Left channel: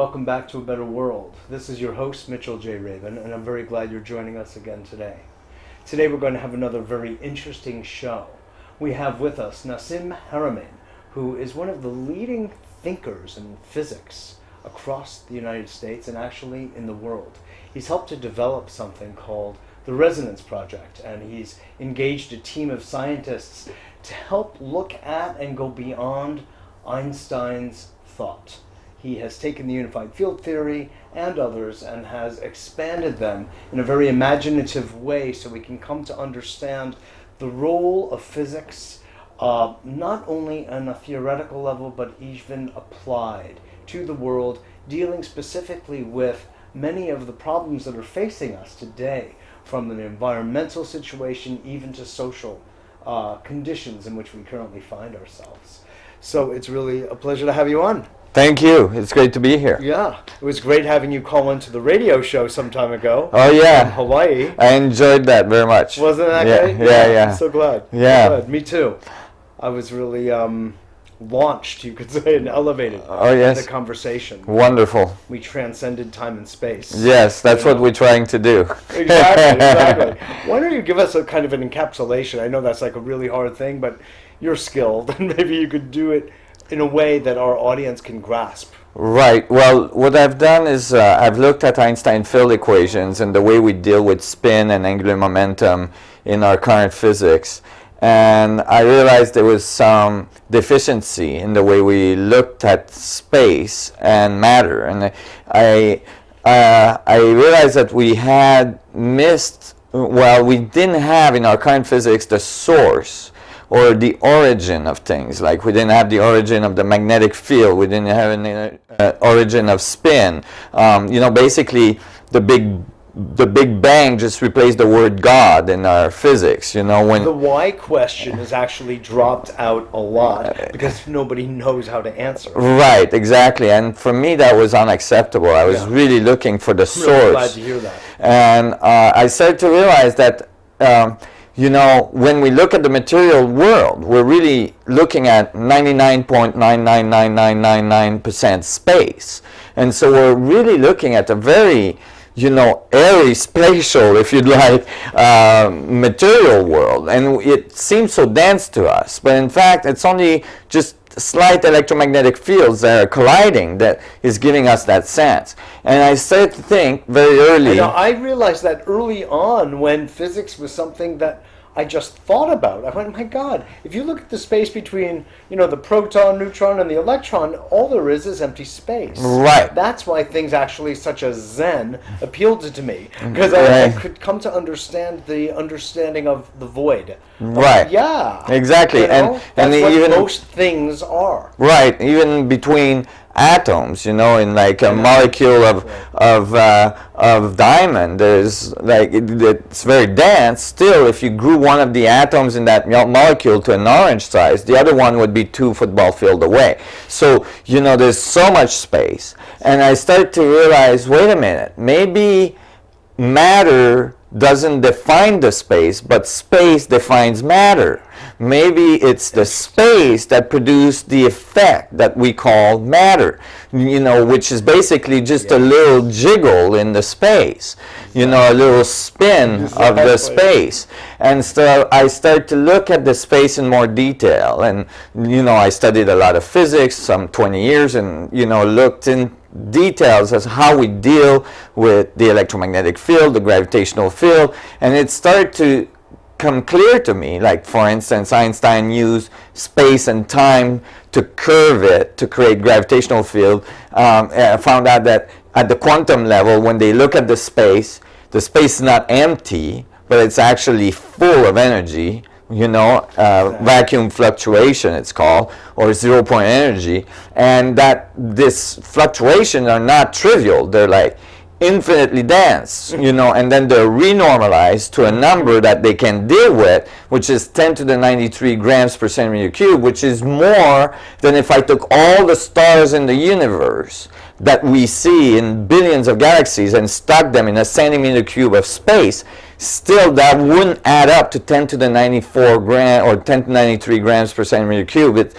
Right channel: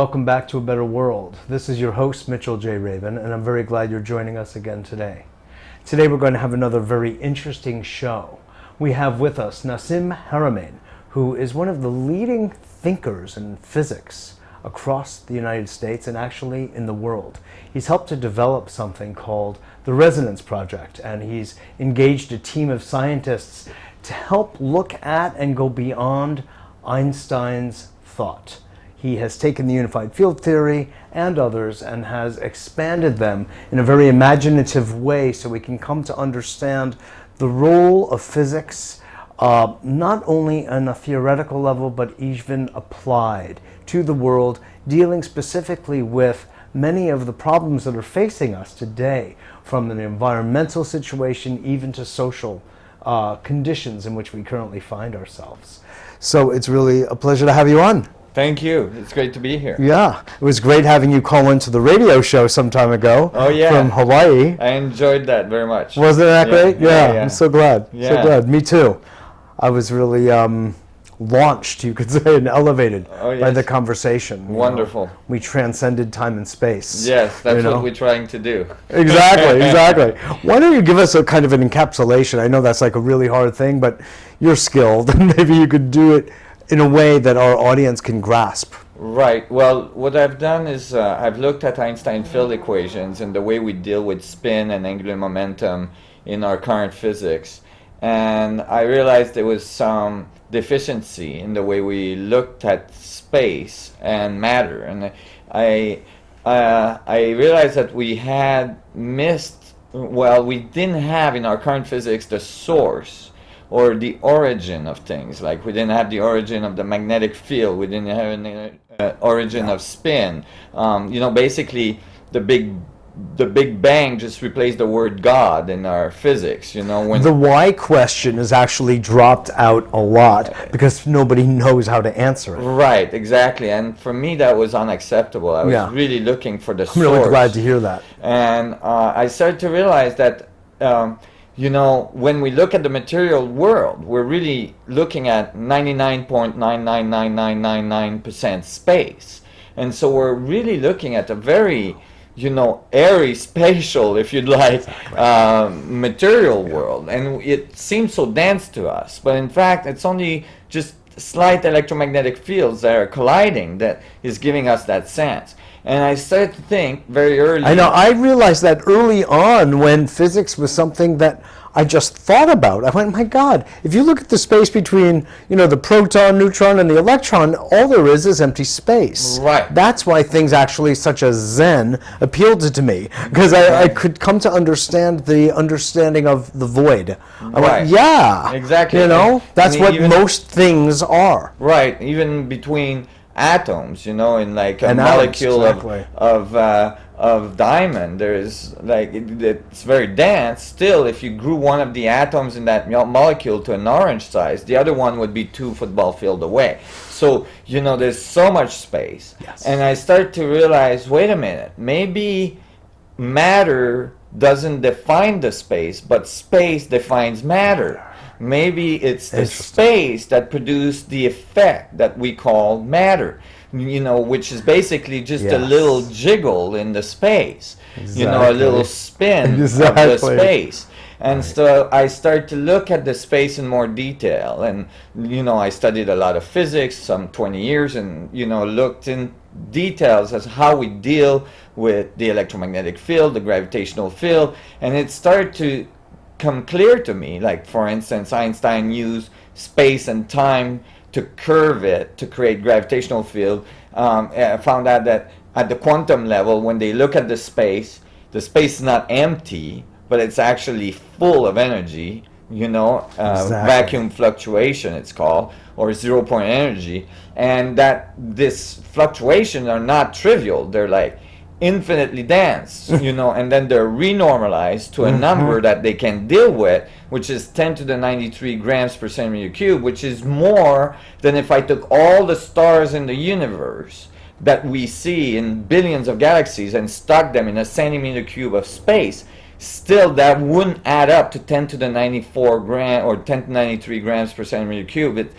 welcome back to A Better World. This is your host, Mitchell J. Raven, and I'm very glad you're joining us again today. Today we're going to have another very interesting show. We have with us Nassim Haramein, who is one of the leading thinkers in physics across the United States and actually in the world. He's helped to develop something called the Resonance Project, and he's engaged a team of scientists to help look at and go beyond Einstein's thought. He has taken the unified field theory and others and has expanded them in a very imaginative way so we can come to understand the role of physics, not only on a theoretical level, but even applied to the world, dealing specifically with many of the problems that are facing us today, from an environmental situation even to social conditions in which we currently find ourselves. So it's really a pleasure to have you on. Thank you. It's great to be here. Yeah, it was great having you call into the radio show some time ago. Oh yeah, from Hawaii. I enjoyed that very much. Wasn't that great? Yeah. I'm so glad. Yeah, so glad. Me too. I was really launched, you could say, and elevated by the conversation. Wonderful. We transcended time and space. Yes, that's what we're trying to do. Exactly. Why don't you give us a kind of an encapsulation? I know that's like a really hard thing, but you're skilled, and maybe you could do it in a way that our audience can grasp. Right. Well, what I've done is I've looked at Einstein field equations and the way we deal with spin and angular momentum in our current physics. And I realized there was some deficiency in the way we looked at space and matter. And I realized that we had missed, well, we didn't have in our current physics the source or the origin of things. Like we didn't have the origin of the magnetic field, we didn't have an origin of spin. Basically the Big Bang just replaced the word God in our physics. When the why question is actually dropped out a lot because nobody knows how to answer it. Right, exactly. And for me that was unacceptable. I was really looking for the source. I'm really glad to hear that. And I started to realize that when we look at the material world, we're really looking at 99.999999% space. And so we're really looking at a very, airy, spatial, if you'd like, material world. And it seems so dense to us. But in fact, it's only just slight electromagnetic fields that are colliding that is giving us that sense. And I started to think very early. I know, I realized that early on when physics was something that I just thought about. I went, my God, if you look at the space between, the proton, neutron, and the electron, all there is empty space. Right. That's why things actually such as Zen appealed to me, because I could come to understand the understanding of the void. Right. Yeah. Exactly. That's what most things are. Right. Even between atoms, in like a molecule of diamond, there's it's very dense. Still, if you grew one of the atoms in that molecule to an orange size, the other one would be 2 football fields away. So there's so much space, and I start to realize, wait a minute, maybe matter doesn't define the space, but space defines matter. Maybe it's the space that produced the effect that we call matter, which is basically just a little jiggle in the space, a little spin of the space. And so I start to look at the space in more detail. And, I studied a lot of physics, some 20 years, and, looked in details as how we deal with the electromagnetic field, the gravitational field, and it started to come clear to me. Like, for instance, Einstein used space and time to curve it to create gravitational field. Found out that at the quantum level, when they look at the space is not empty, but it's actually full of energy. Vacuum fluctuation it's called, or zero-point energy, and that this fluctuations are not trivial. They're like infinitely dense, and then they're renormalized to a number that they can deal with, which is 10 to the 93 grams per centimeter cube, which is more than if I took all the stars in the universe that we see in billions of galaxies and stuck them in a centimeter cube of space. Still, that wouldn't add up to 10 to the 94 gram or 10 to 93 grams per centimeter cube. It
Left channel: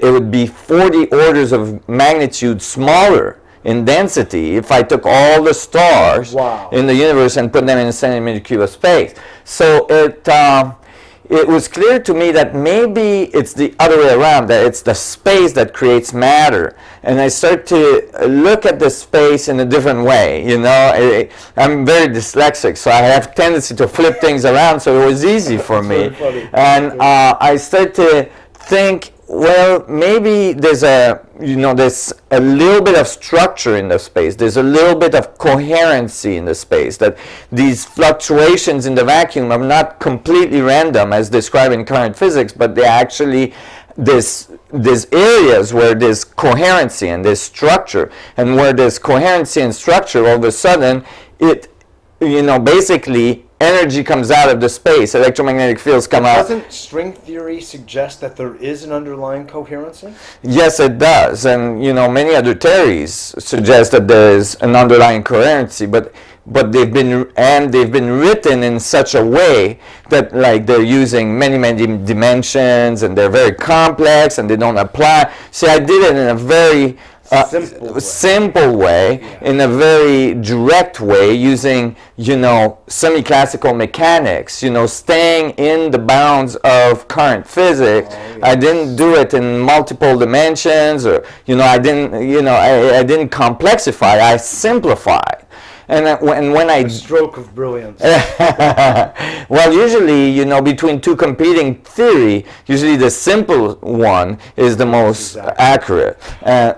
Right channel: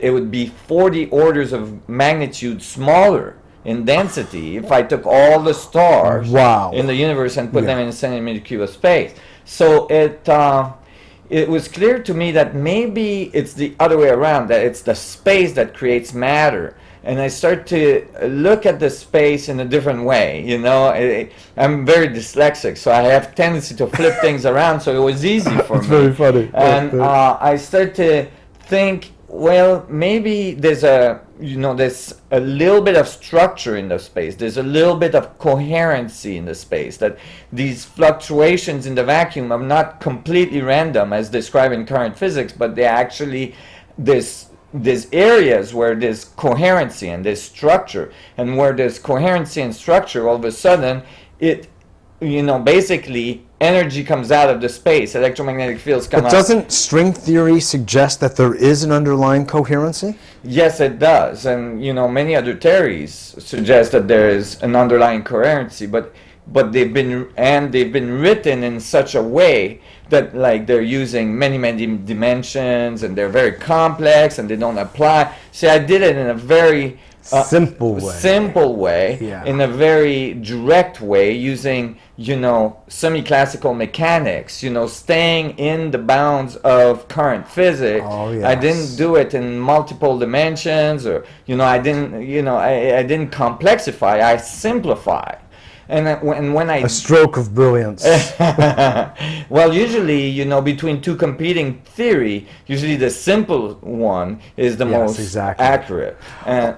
would be 40 orders of magnitude smaller in density if I took all the stars Wow. in the universe and put them in a centimeter cube of space. So it was clear to me that maybe it's the other way around, that it's the space that creates matter. And I start to look at the space in a different way, you know. I'm very dyslexic, so I have tendency to flip things around, so it was easy for me. Very funny. And I start to think, well, maybe there's a little bit of structure in the space. There's a little bit of coherency in the space, that these fluctuations in the vacuum are not completely random as described in current physics, but they're actually there's areas where there's coherency and there's structure, and where there's coherency and structure, all of a sudden basically energy comes out of the space, electromagnetic fields come out. Doesn't string theory suggest that there is an underlying coherency? Yes, it does, and many other theories suggest that there is an underlying coherency, but they've been written in such a way that, like, they're using many dimensions, and they're very complex, and they don't apply. See, I did it in a very simple way, Yeah. in a very direct way, using semi-classical mechanics, staying in the bounds of current physics. Oh, yes. I didn't do it in multiple dimensions, or I didn't complexify. I simplified. And when I A stroke of brilliance. well, usually, between two competing theory, usually the simple one is the most accurate.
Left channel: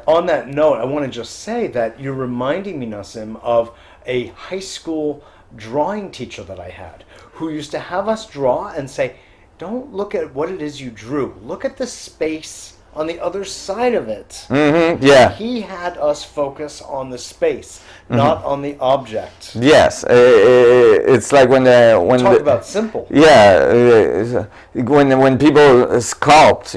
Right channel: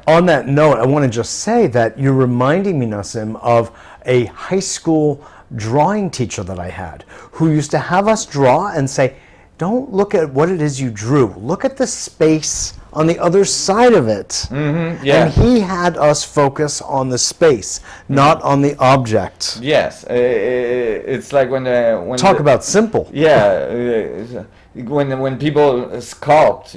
On that note, I want to just say that you're reminding me, Nassim, of a high school drawing teacher that I had, who used to have us draw and say, don't look at what it is you drew. Look at the space on the other side of it. Mm-hmm, yeah. And he had us focus on the space, not on the object. Yes, it's like when Talk about simple. Yeah, when people sculpt,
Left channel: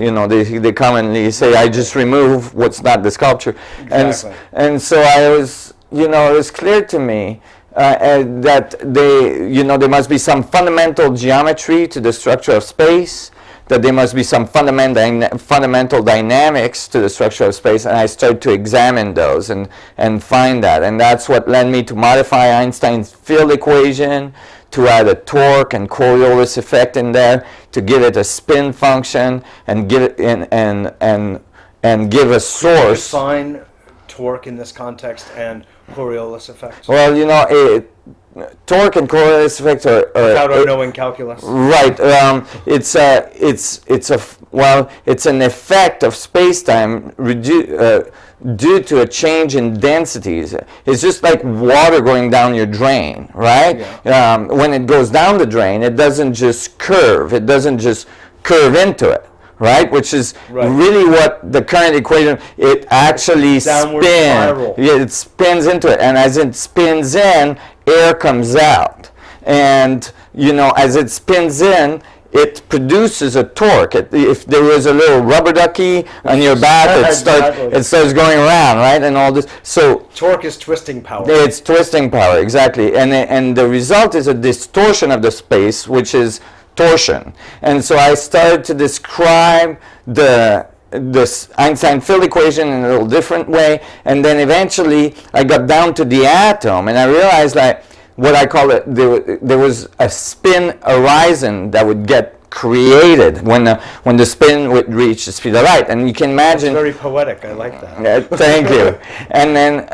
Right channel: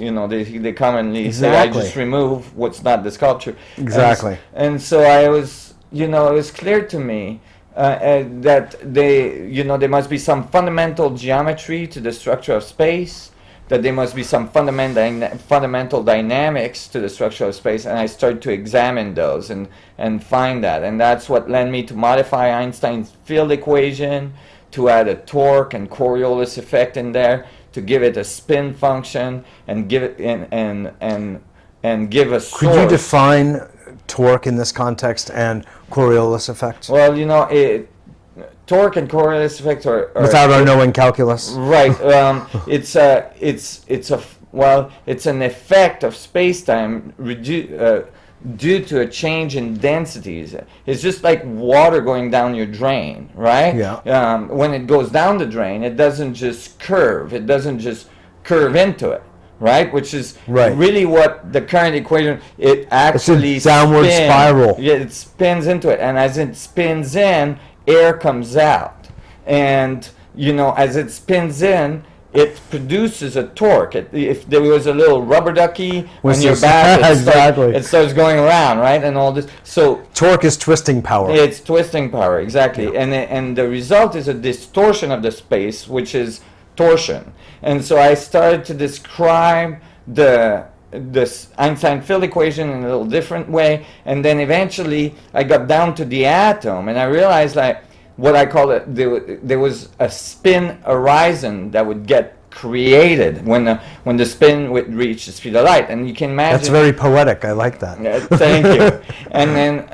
they commonly say, "I just remove what's not the sculpture." Exactly. And so I was, it was clear to me that there must be some fundamental geometry to the structure of space, that there must be some fundamental dynamics to the structure of space, and I started to examine those and find that. And that's what led me to modify Einstein's field equation, to add a torque and Coriolis effect in there, to give it a spin function, and give it and give a source. Could you define torque in this context and Coriolis effect? Well, torque and Coriolis effect are without knowing calculus. Right. It's an effect of space-time due to a change in densities. It's just like water going down your drain, right? Yeah. When it goes down the drain, it doesn't just curve. It doesn't just curve into it. Right, which is really what the current equation. It actually downward spiral. Yeah, it spins into it, and as it spins in, air comes out, and as it spins in, it produces a torque. If there was a little rubber ducky on your back, it starts going around, right, and all this. So torque is twisting power. It's twisting power, exactly, and the result is a distortion of the space, which is torsion. And so I started to describe this Einstein field equation in a little different way, and then eventually I got down to the atom, and I realized that what I call it, there was a spin horizon that would get created when the spin would reach the speed of light, and you can imagine. That's very poetic. I like that. Thank you. And then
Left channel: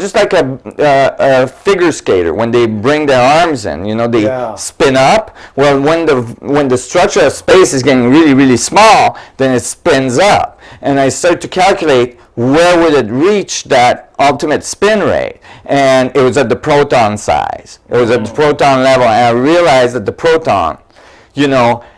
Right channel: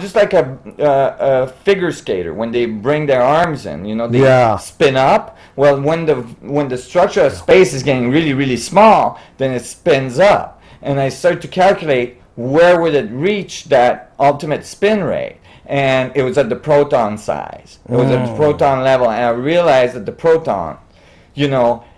just like a figure skater, when they bring their arms in, they spin up. Well, when the structure of space is getting really small, then it spins up, and I start to calculate where would it reach that ultimate spin rate, and it was at the proton size. It was at the proton level, and I realized that the proton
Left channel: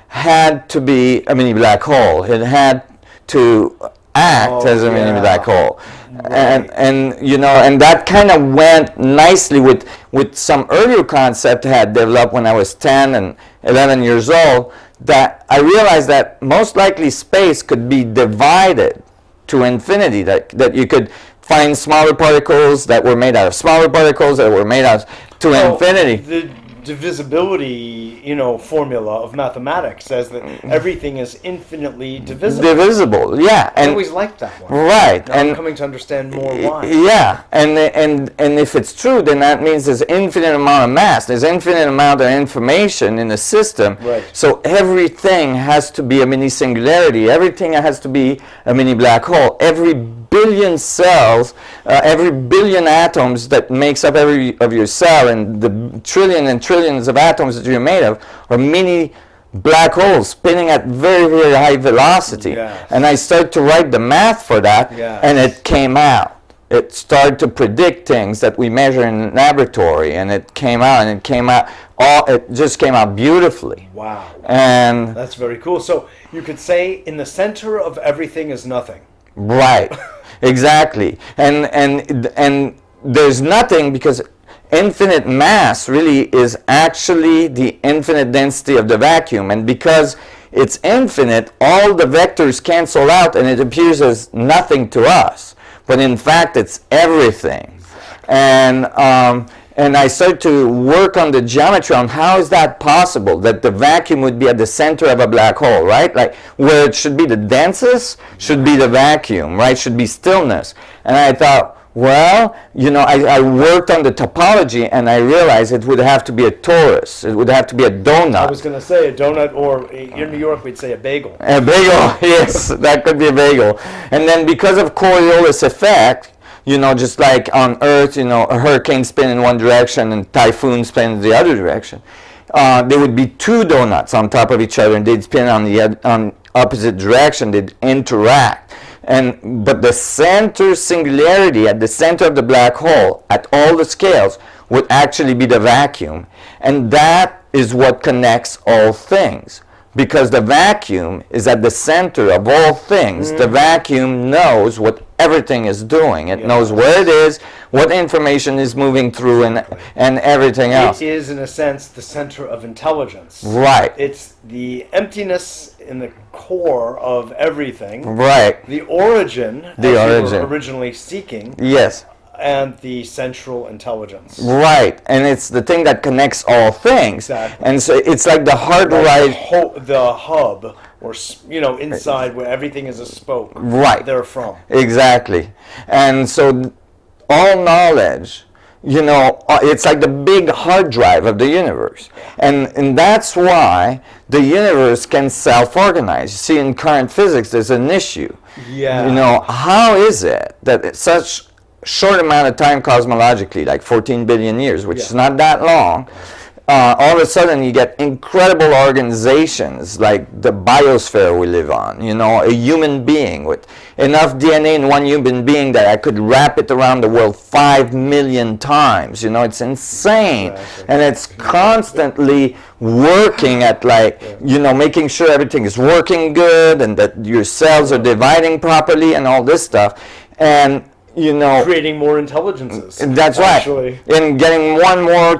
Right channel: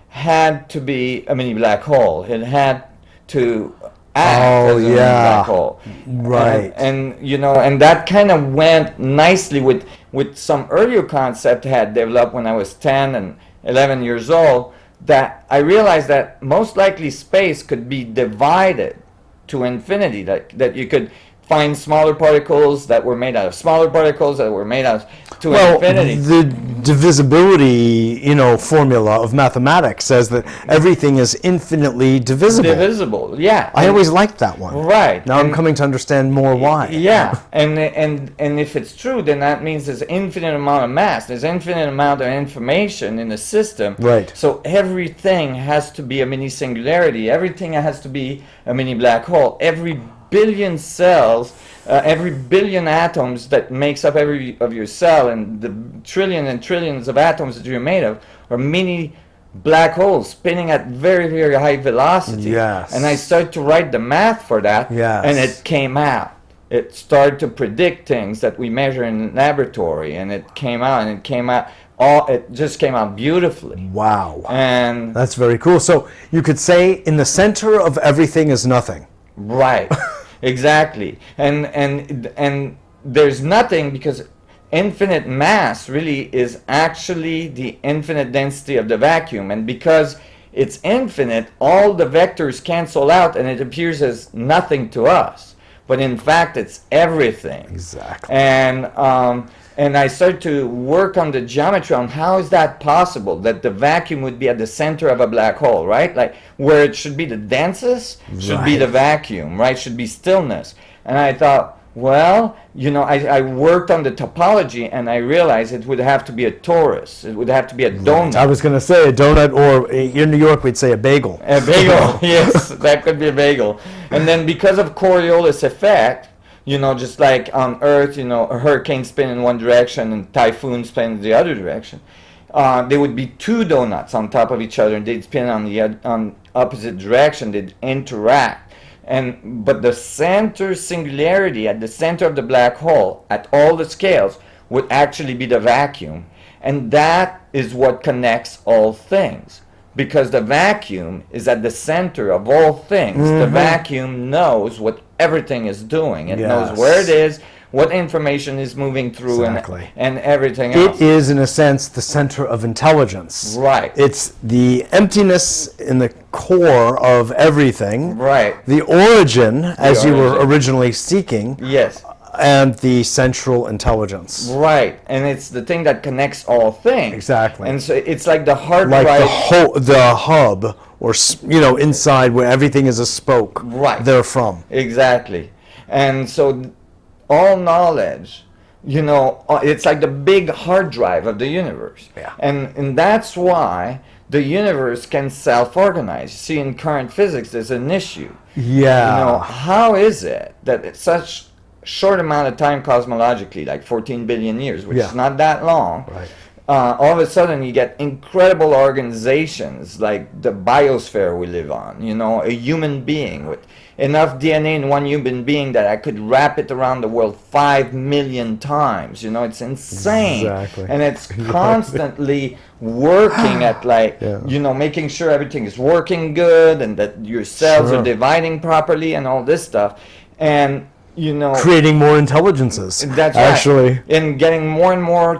had to be a mini black hole. It had to act as a mini black hole. Right. And that kind of went nicely with some earlier concept I had developed when I was 10 and 11 years old, that I realized that most likely space could be divided to infinity, that you could find smaller particles that were made out of smaller particles that were made out to infinity. divisibility, formula of mathematics says that everything is infinitely divisible. Divisible, yeah. I always liked that one. Right. Now I'm coming to understand more why. Yeah, and if it's true, then that means there's infinite amount of mass. There's infinite amount of information in the system. Right. So everything has to be a mini singularity. Everything has to be a mini black hole. Every billion cells, every billion atoms that makes up every of your cell, and the trillion and trillions of atoms that you're made of, are mini black holes spinning at very, very high velocity. Yes. And I started to write the math for that, and it came out. It started to predict things that we measure in the laboratory, and it came out, and it just came out beautifully. Wow. And that's very cool. So you could say in the center of everything is nothing. Right. Exactly. And there's nothing, because infinite mass really is actually the infinite density of the vacuum, and because it's infinite, all the vectors cancel out and it appears as nothing to us, but in fact it's everything. Exactly. And I started to work on the geometry on how is that possible, that the vacuum would be at the center of a black hole, right? Like where it should be the densest should be the vacuum, right? Should be stillness. And I thought, well, I worked on the topology, and I realized it would have to be a torus. It would have to be a donut. I was going to say a donut, or in New York we'd say a bagel. A bagel, yes, that could be a bagel. And then because of Coriolis effect, just like on Earth, a hurricane spin in one direction and typhoon spin in the other direction, there would be two donuts on top of each other, and they'd spin on opposite direction. They'd interact. But the center singularity at the center of the black hole at all the scales would actually be the vacuum, and that is what connects all things, because the vacuum is at the center of all things. The vacuum knows what everything is doing. It knows where it is, what information is moving through, and everything else. It is, in a sense, the center of intelligence. Right. It's the emptiness in the core of everything. Right. The origin, as you were originally seeking. Yes. And the central intelligence. Right. And it's the thing that connects all things. Exactly. And so it's like the hardware. Like the hub, or inside where everything is a spoke. Right. Therefrom. Exactly. And so all knowledge, it's like the big hard drive of the universe. Yeah. And that's why the universe can self-organize. You see, in current physics, there's an issue. Yeah. How is it that it's such short amount of time cosmologically, like 14 billion years, which is not that long, all of a sudden you get incredible organizations like the biosphere we live on, a human being with enough DNA in one human being that I could wrap it around the world 5 million times. It's insane. Exactly. And it's constantly working at making sure everything is working good, and that your cells are dividing properly and all this stuff. And creating more intelligences. That's actually. Right. And getting more and more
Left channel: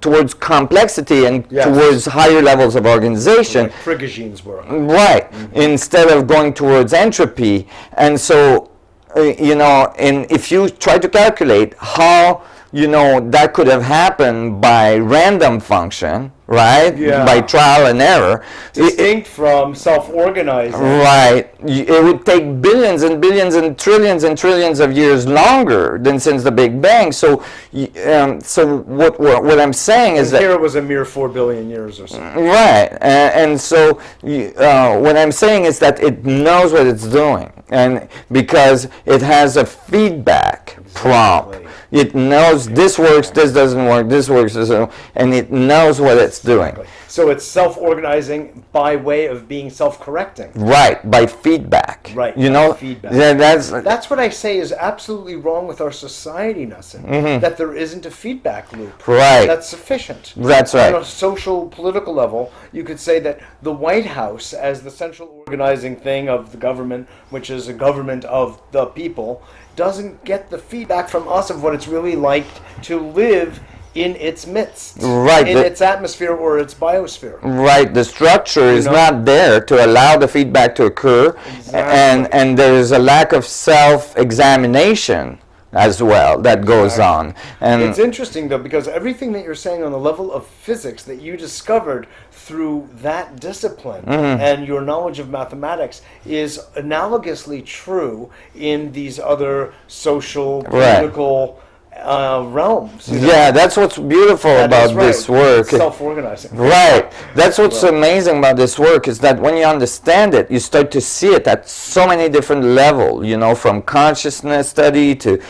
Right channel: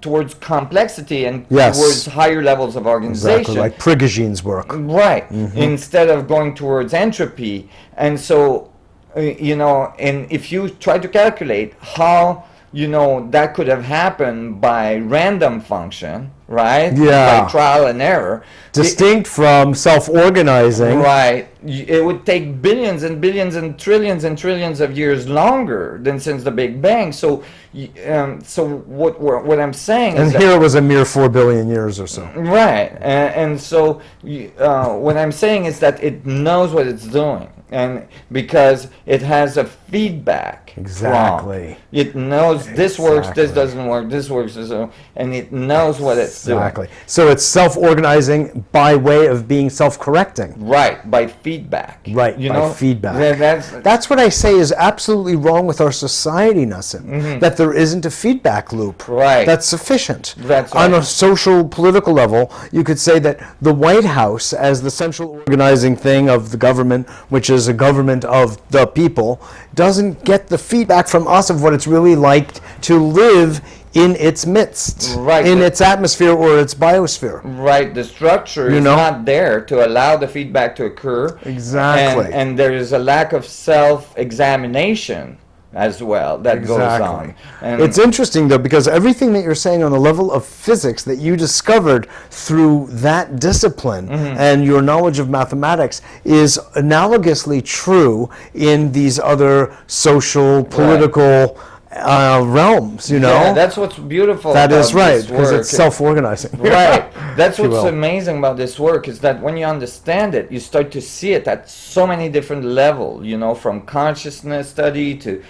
towards complexity and towards higher levels of organization. Exactly, like Prigoghine's work. Right. Instead of going towards entropy. And so, and if you try to calculate how, that could have happened by random function, right? Yeah. By trial and error. Distinct from self-organizing. Right. It would take billions and billions and trillions of years longer than since the Big Bang. So, what I'm saying is that here it was a mere 4 billion years or so. Right. And so what I'm saying is that it knows what it's doing. And because it has a feedback prompt. It knows this works, this doesn't work, this works, this doesn't work, and it knows what it's doing. So it's self-organizing by way of being self-correcting. Right, by feedback. Right, feedback. That's what I say is absolutely wrong with our society, Nassim, that there isn't a feedback loop. Right. That's sufficient. That's right. On a social, political level, you could say that the White House, as the central organizing thing of the government, which is a government of the people, doesn't get the feedback from us of what it's really like to live in its midst, in its atmosphere or its biosphere. Right, the structure is not there to allow the feedback to occur. Exactly. And there is a lack of self-examination as well that goes on. And it's interesting though, because everything that you're saying on the level of physics that you discovered through that discipline and your knowledge of mathematics is analogously true in these other social, political realms, Yeah, that's what's beautiful about this work. It's self-organizing. Right. That's what's amazing about this work is that when you understand it, you start to see it at so many different levels, from consciousness study to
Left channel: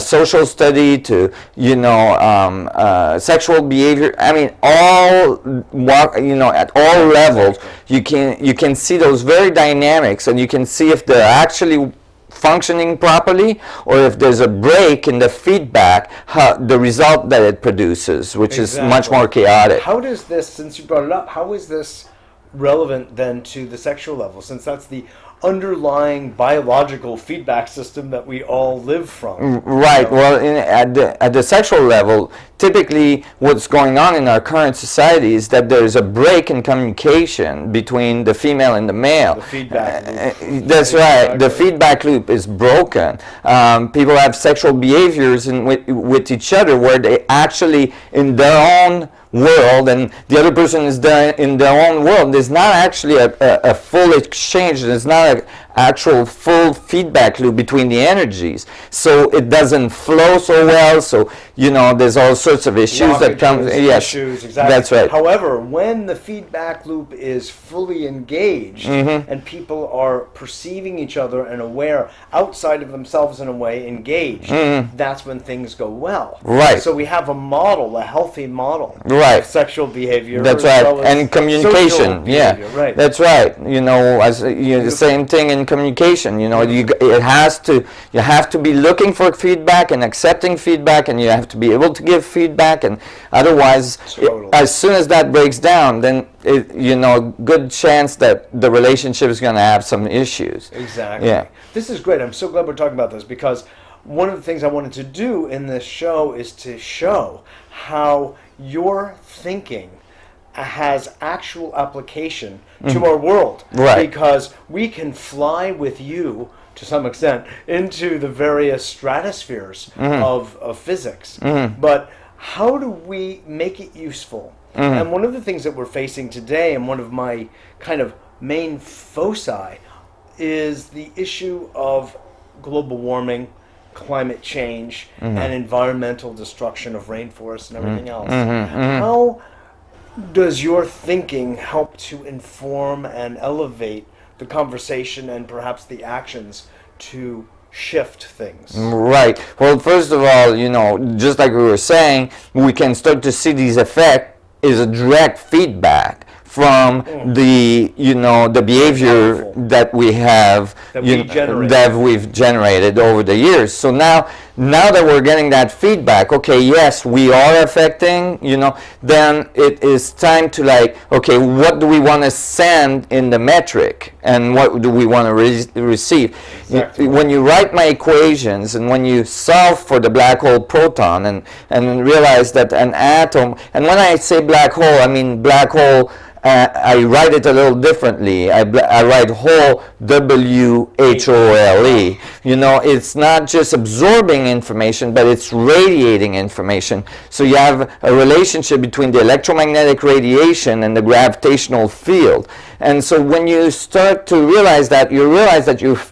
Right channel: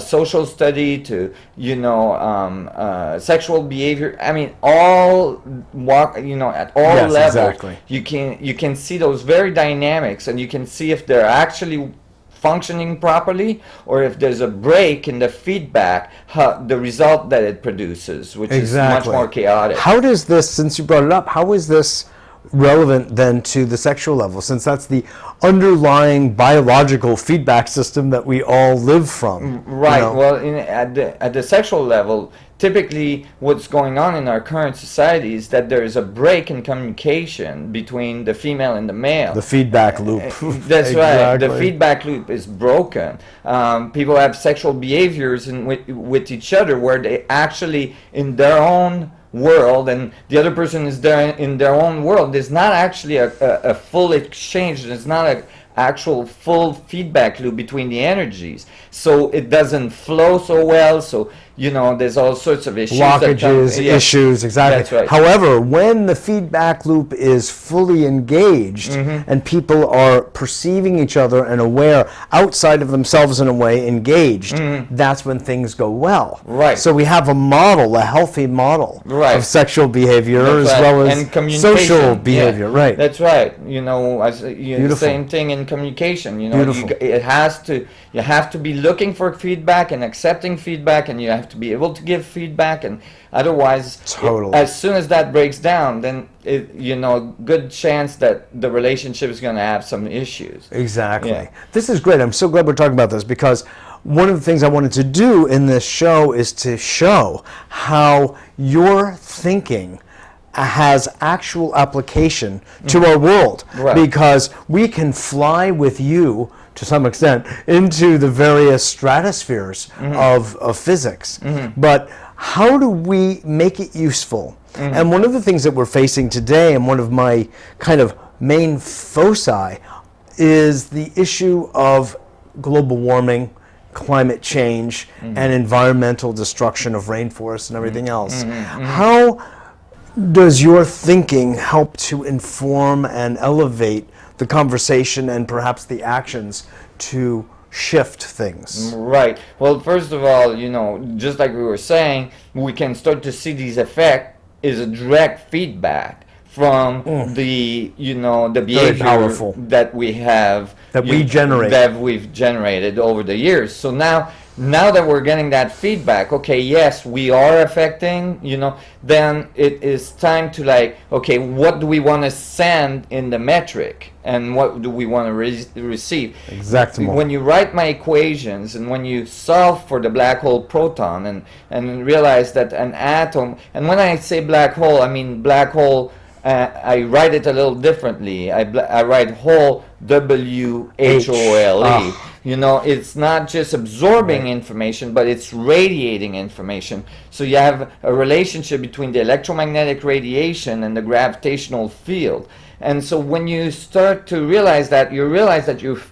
social study to, sexual behavior. I mean, at all levels, you can see those very dynamics, and you can see if they're actually functioning properly, or if there's a break in the feedback, the result that it produces, which is much more chaotic. How does this, since you brought it up, how is this relevant then to the sexual level, since that's the underlying biological feedback system that we all live from? Right. Well, at the sexual level, typically what's going on in our current society is that there's a break in communication between the female and the male. The feedback loop. That's right. The feedback loop is broken. People have sexual behaviors with each other where they actually, in their own world, and the other person is there in their own world, there's not actually a full exchange. There's not an actual full feedback loop between the energies, so it doesn't flow so well. So there's all sorts of issues that come. Issues, exactly. That's right. However, when the feedback loop is fully engaged and people are perceiving each other and aware outside of themselves in a way, engaged, that's when things go well. Right. So we have a model, a healthy model of sexual behavior, that's as right. well as and communication social behavior. Right. That's right. The same thing in communication. You have to be looking for feedback and accepting feedback, and you have to be able to give feedback, and otherwise, as soon as that breaks down, then good chance that the relationship is going to have some issues. Exactly. Yeah. This is great. I'm so glad we're talking about this, because one of the things I wanted to do in this show is to show how your thinking has actual application to our world. Right. Because we can fly with you, to some extent, into the various stratospheres of physics. But how do we make it useful? And one of the things that we're facing today, and one of my kind of main foci, is the issue of global warming, climate change, and environmental destruction of rainforests and everything else. How does your thinking help to inform and elevate the conversation and perhaps the actions to shift things? Right. Well, first of all, just like we were saying, we can start to see these effects is a direct feedback from the behavior that we have that we've generated over the years. So now that we're getting that feedback, okay, yes, we are affecting, then it is time to what do we want to send in the metric, and what do we want to receive? Exactly. When you write my equations, and when you solve for the black hole proton, and realize that an atom, and when I say black hole, I mean black hole. I write it a little differently. I write hole, W-H-O-L-E. It's not just absorbing information, but it's radiating information. So you have a relationship between the electromagnetic radiation and the gravitational field. And so when you start to realize that, you're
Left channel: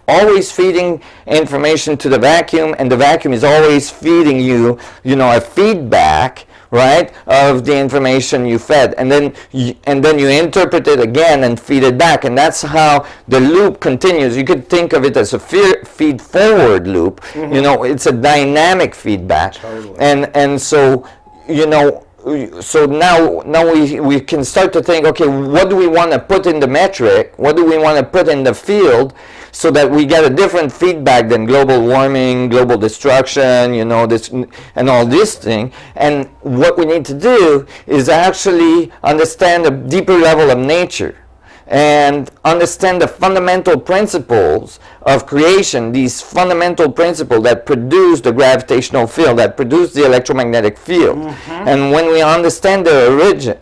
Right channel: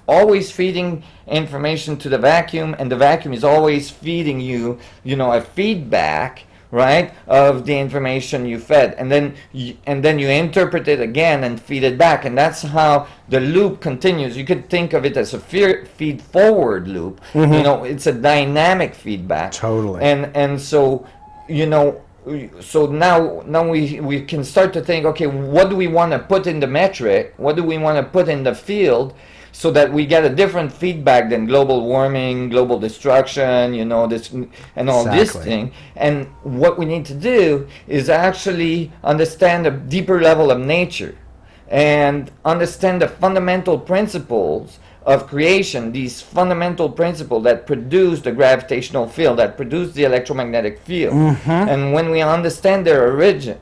always feeding information to the vacuum, and the vacuum is always feeding you, a feedback, right, of the information you fed, and then you interpret it again and feed it back, and that's how the loop continues. You could think of it as a feed-forward loop. It's a dynamic feedback. Totally. And so so now we can start to think, okay, what do we want to put in the metric? What do we want to put in the field, so that we get a different feedback than global warming, global destruction, this and all this thing. And what we need to do is actually understand a deeper level of nature, and understand the fundamental principles of creation, these fundamental principles that produce the gravitational field, that produce the electromagnetic field. And when we understand their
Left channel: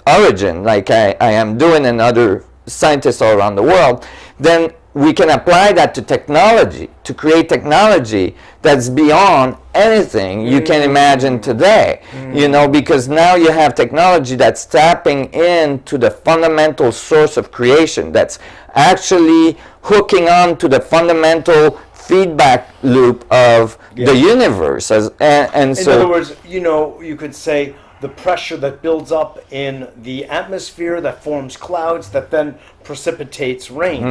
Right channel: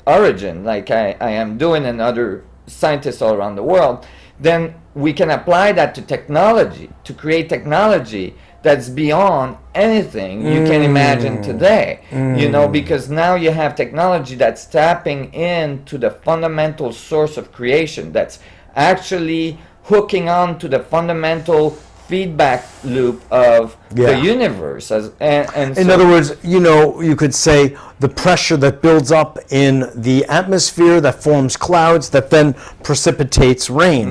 origin, like I am doing, and other scientists all around the world, then we can apply that to technology, to create technology that's beyond anything you can imagine today. You know, because now you have technology that's tapping into the fundamental source of creation, that's actually hooking on to the fundamental feedback loop of the universe. And in other words, you know, you could say the pressure that builds up in the atmosphere that forms clouds that then precipitates rain,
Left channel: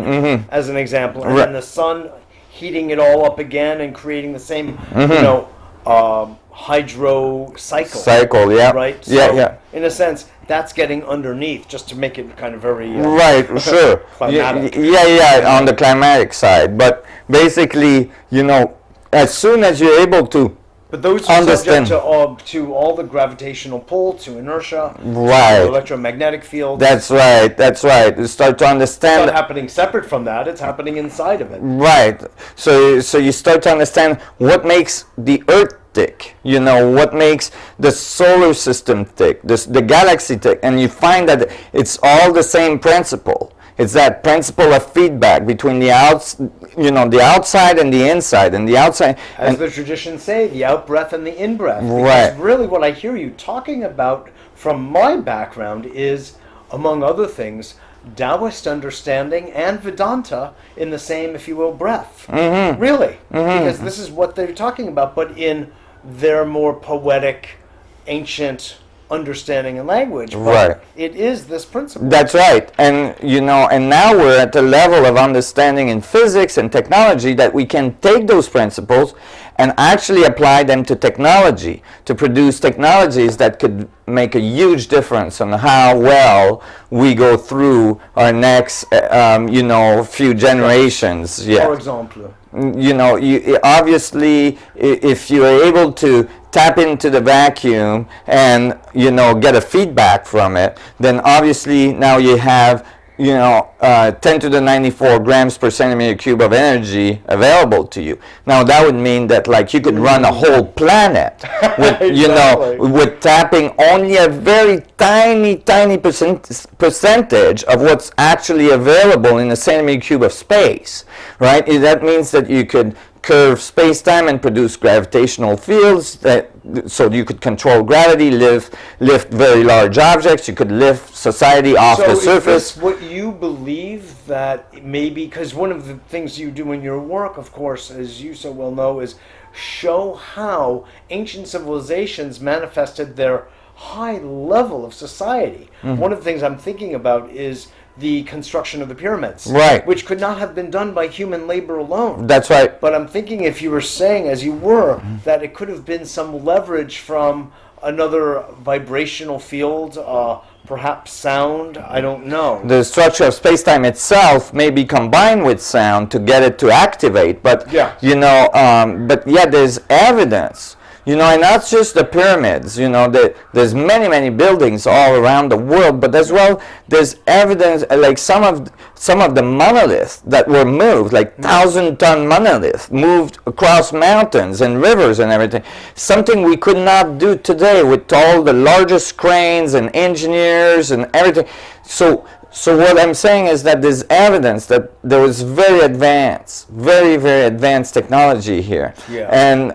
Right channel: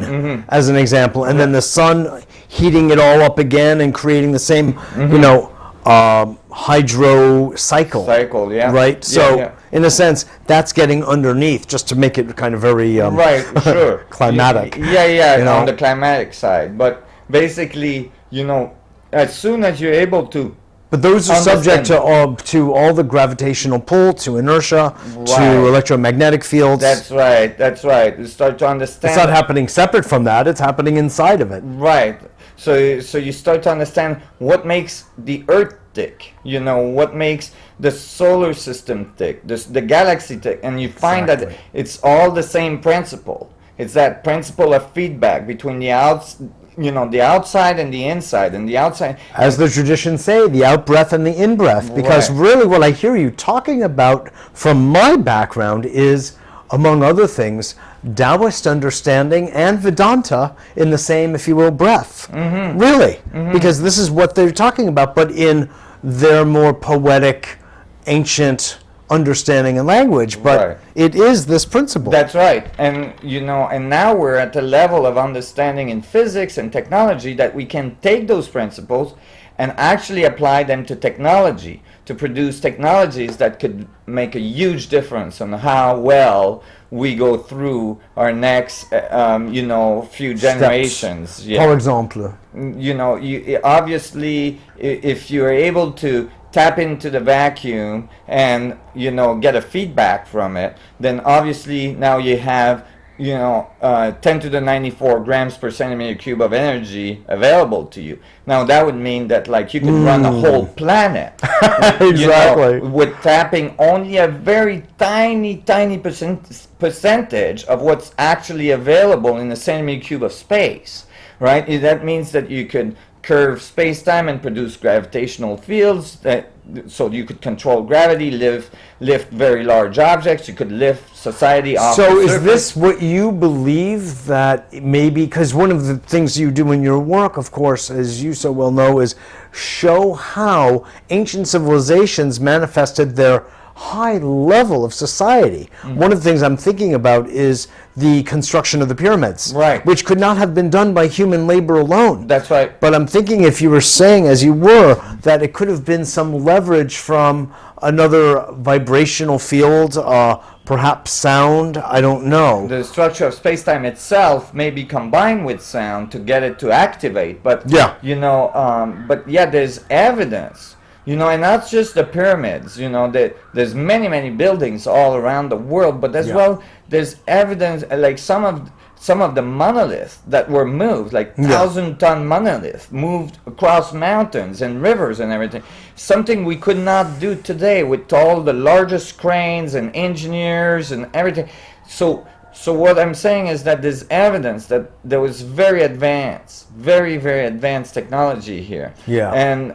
as an example, and then the sun heating it all up again and creating the same, you know, hydro cycle. Right? So, in a sense, that's getting underneath, just to make it kind of very sure. climatic. On the climatic side. But basically, you know, as soon as you're able to But those are subject to all the gravitational pull, to inertia, to electromagnetic fields. That's right. You start to understand. It's not happening separate from that, it's happening inside of it. Right. So you start to understand what makes the Earth tick, you know, what makes the solar system tick, the galaxy tick, and you find that it's all the same principle. It's that principle of feedback between the outside and the inside, and the outside. As the traditions say, the out-breath and the in-breath. Because really what I hear you talking about from my background is, among other things, Taoist understanding and Vedanta in the same, if you will, breath. Really. Because this is what they're talking about, but in their more poetic, ancient understanding and language, but it is this principle. That's right. And you know, and now we're at the level of understanding in physics and technology that we can take those principles and actually apply them to technology, to produce technologies that could make a huge difference on how well we go through our next you know, few generations. For example, you know, obviously if you are able to tap into the vacuum and, you know, get a feedback from it, then obviously now you have, you know, 10 to the 94 grams per centimeter cube of energy available to you. Now that would mean that, like, you could run a whole planet with, you know, with tapping only a very tiny percentage of what's actually available in a centimeter cube of space, right? That means that you could curve space-time and produce gravitational fields so you could control gravity, lift very large objects, you could lift society off the surface. So is this what you believe, that maybe, because one of the things you do in your work, of course, as you so well know, is show how ancient civilizations manifested their high level of society. One of the things I'm thinking about is the construction of the pyramids, which could not have been done by human labor alone. That's right. But I'm thinking, if you were saying, as you were, that it could have been some leverage from another vibrational field, perhaps sound, I don't know. The structure of space-time itself may be combined with sound to get it to activate, but you know, there's evidence. You know, and not just the pyramids, you know, there's many buildings all around the world, but as well, there's evidence, like some of the monoliths that were moved, like 1,000-ton monoliths, moved across mountains and rivers and everything. Something we could not do today with all the largest cranes and engineers and everything. So what I'm saying is that there's evidence that there was very advanced technology here, and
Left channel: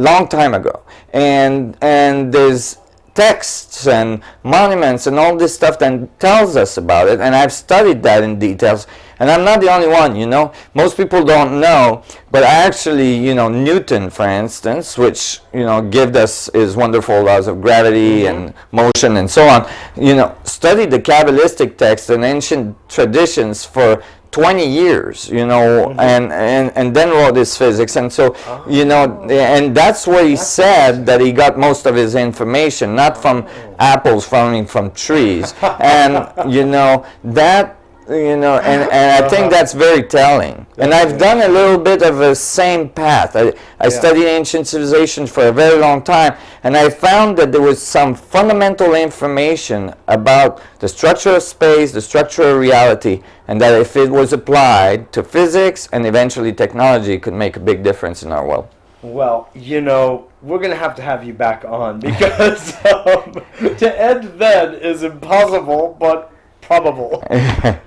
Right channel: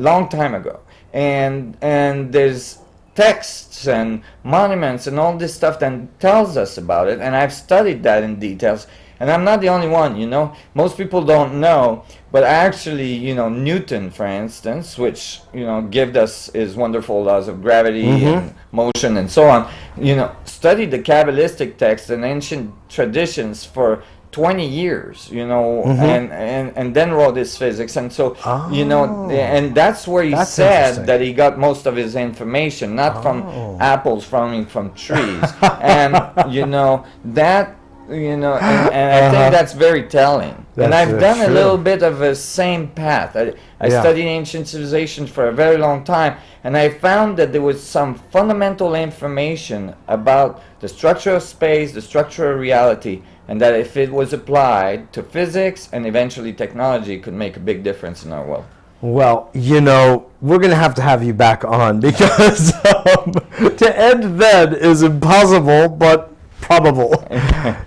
long time ago, and there's texts and monuments and all this stuff that tells us about it, and I've studied that in details. And I'm not the only one, you know. Most people don't know, but actually, you know, Newton, for instance, which, you know, gave us his wonderful laws of gravity and motion and so on, you know, studied the Kabbalistic texts and ancient traditions for 20 years, you know, and then wrote his physics. And so, you know, and that's where he said that he got most of his information, not from apples falling from trees. And, you know, that, you know, and I think that's very telling. And I've done a little bit of the same path. I studied ancient civilizations for a very long time, and I found that there was some fundamental information about the structure of space, the structure of reality, and that if it was applied to physics and eventually technology, it could make a big difference in our world. Well, you know, we're going to have you back on, because to end then is impossible, but probable.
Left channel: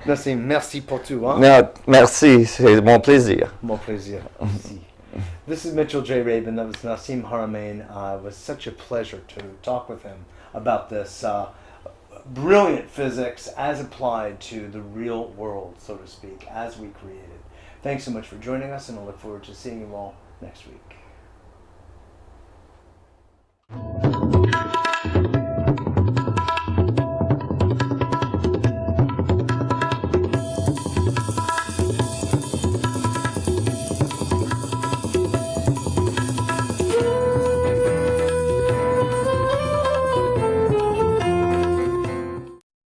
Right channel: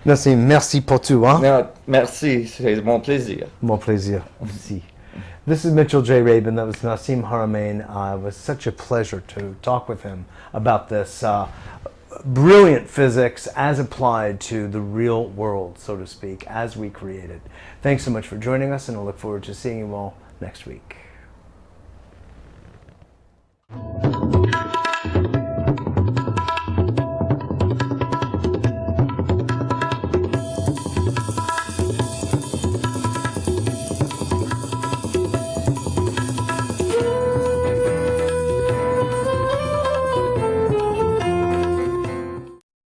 Nassim, merci pour tout. Hein? Non, merci, c'est mon plaisir. Mon plaisir. Merci. This is Mitchell J. Rabin. That was Nassim Haramein. It was such a pleasure to talk with him about this brilliant physics as applied to the real world, so to speak, as we create it. Thanks so much for joining us, and I look forward to seeing you all next week.